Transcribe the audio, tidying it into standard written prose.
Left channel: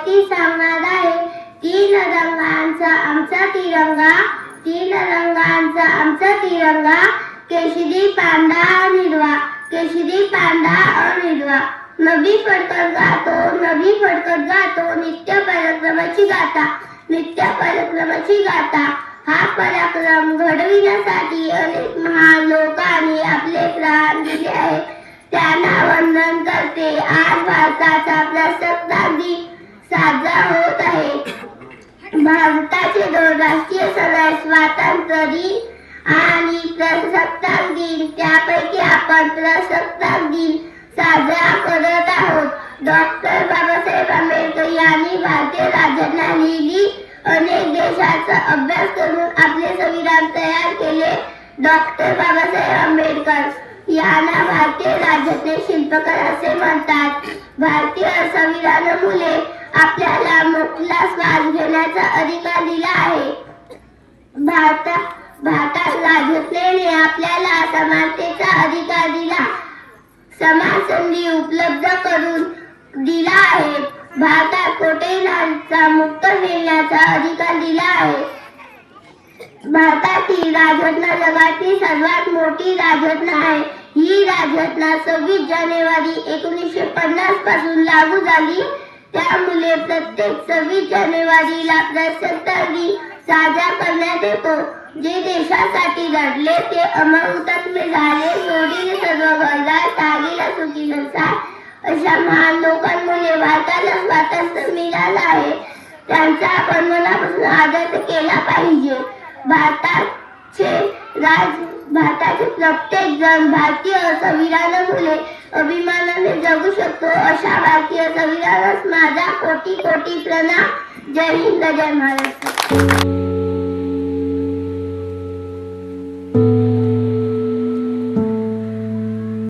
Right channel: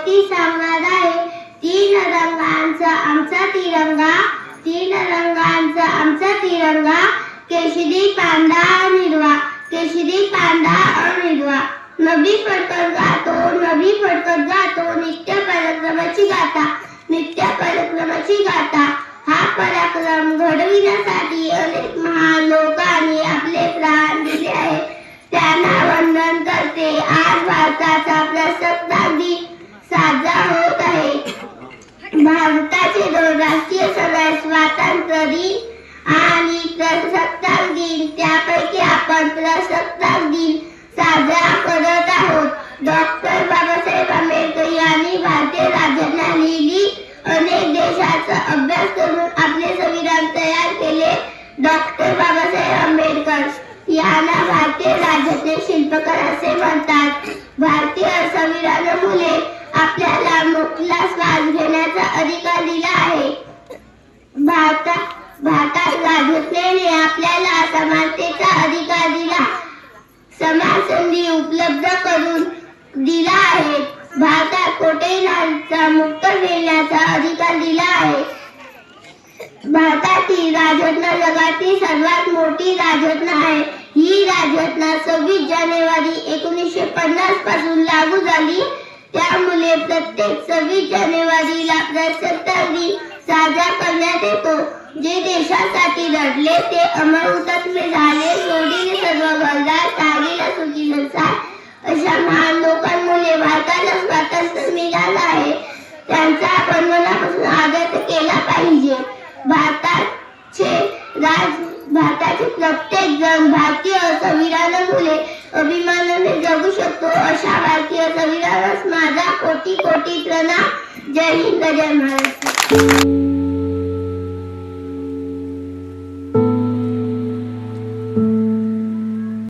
माहिती सांगणार आहे. तीन रंगांचा आमचा तिरंगा, तीन रंगांचा आमचा तिरंगा, केशरी पांढरा और हिरवा, केशरी पांढरा और हिरवा. नभी फडकत गातो, नभी फडकत गातो, नित्य पराक्रमाची गाथा, नित्य पराक्रमाची गाथा. हा पराक्रम घडविण्यासाठी अनेक महान लोकांनी आपले प्राण दिले आहेत. त्यांना वंदन करते. आज भारताचा प्रजासत्ताक दिन साजरा होत आहे. भारताचे दोन राष्ट्रीय सण आहेत, स्वातंत्र्य दिन आणि प्रजासत्ताक दिन. त्यापैकी आपण प्रजासत्ताक दिन साजरा करत आहोत. डॉक्टर बाबासाहेब आंबेडकर यांनी भारतीय राज्यघटना लिहिली. अनेक देशांचा अभ्यास करून आपले संविधान तयार केले. डॉक्टर बाबासाहेब आंबेडकर यांना भारतीय राज्यघटनेचे शिल्पकार असे म्हणतात. भारतीय संविधानामुळे आपल्याला मुक्तला श्वास घेण्याचा अधिकार दिला आहे. भारतात राज्यघटनेने आपल्याला समानतेचा अधिकार दिला, समान संधी उपलब्ध करून दिला आहे. भारतात कोणत्याही नागरिकाला मुक्त फिरण्याचा अधिकार दिला आहे. भारतातील राज्यघटना जगातील सर्वात मोठी राज्यघटना आहे. ही राज्यघटना 26 जानेवारी 1950 पासून लागू झाली. त्यामुळे प्रत्येक 26 जानेवारीला प्रजासत्ताक दिन साजरा करण्यात येतो. जे देशासाठी लढले ते अमर हुतात्मे झाले, सोडले सर्व गरजा, त्यागीला सुखीनुसार अशा महान लोकांमुळे भारताला स्वातंत्र्य मिळालं आहे. त्यांचा आपण मनापासून आदर केला पाहिजे. भारताचे प्रत्येक जण भारतीय संविधानामुळे अभिमानाने जगू शकतो. अशा भारतीय संविधानास माझा कोटी कोटी प्रणाम. जय हिंद, जय महाराष्ट्र.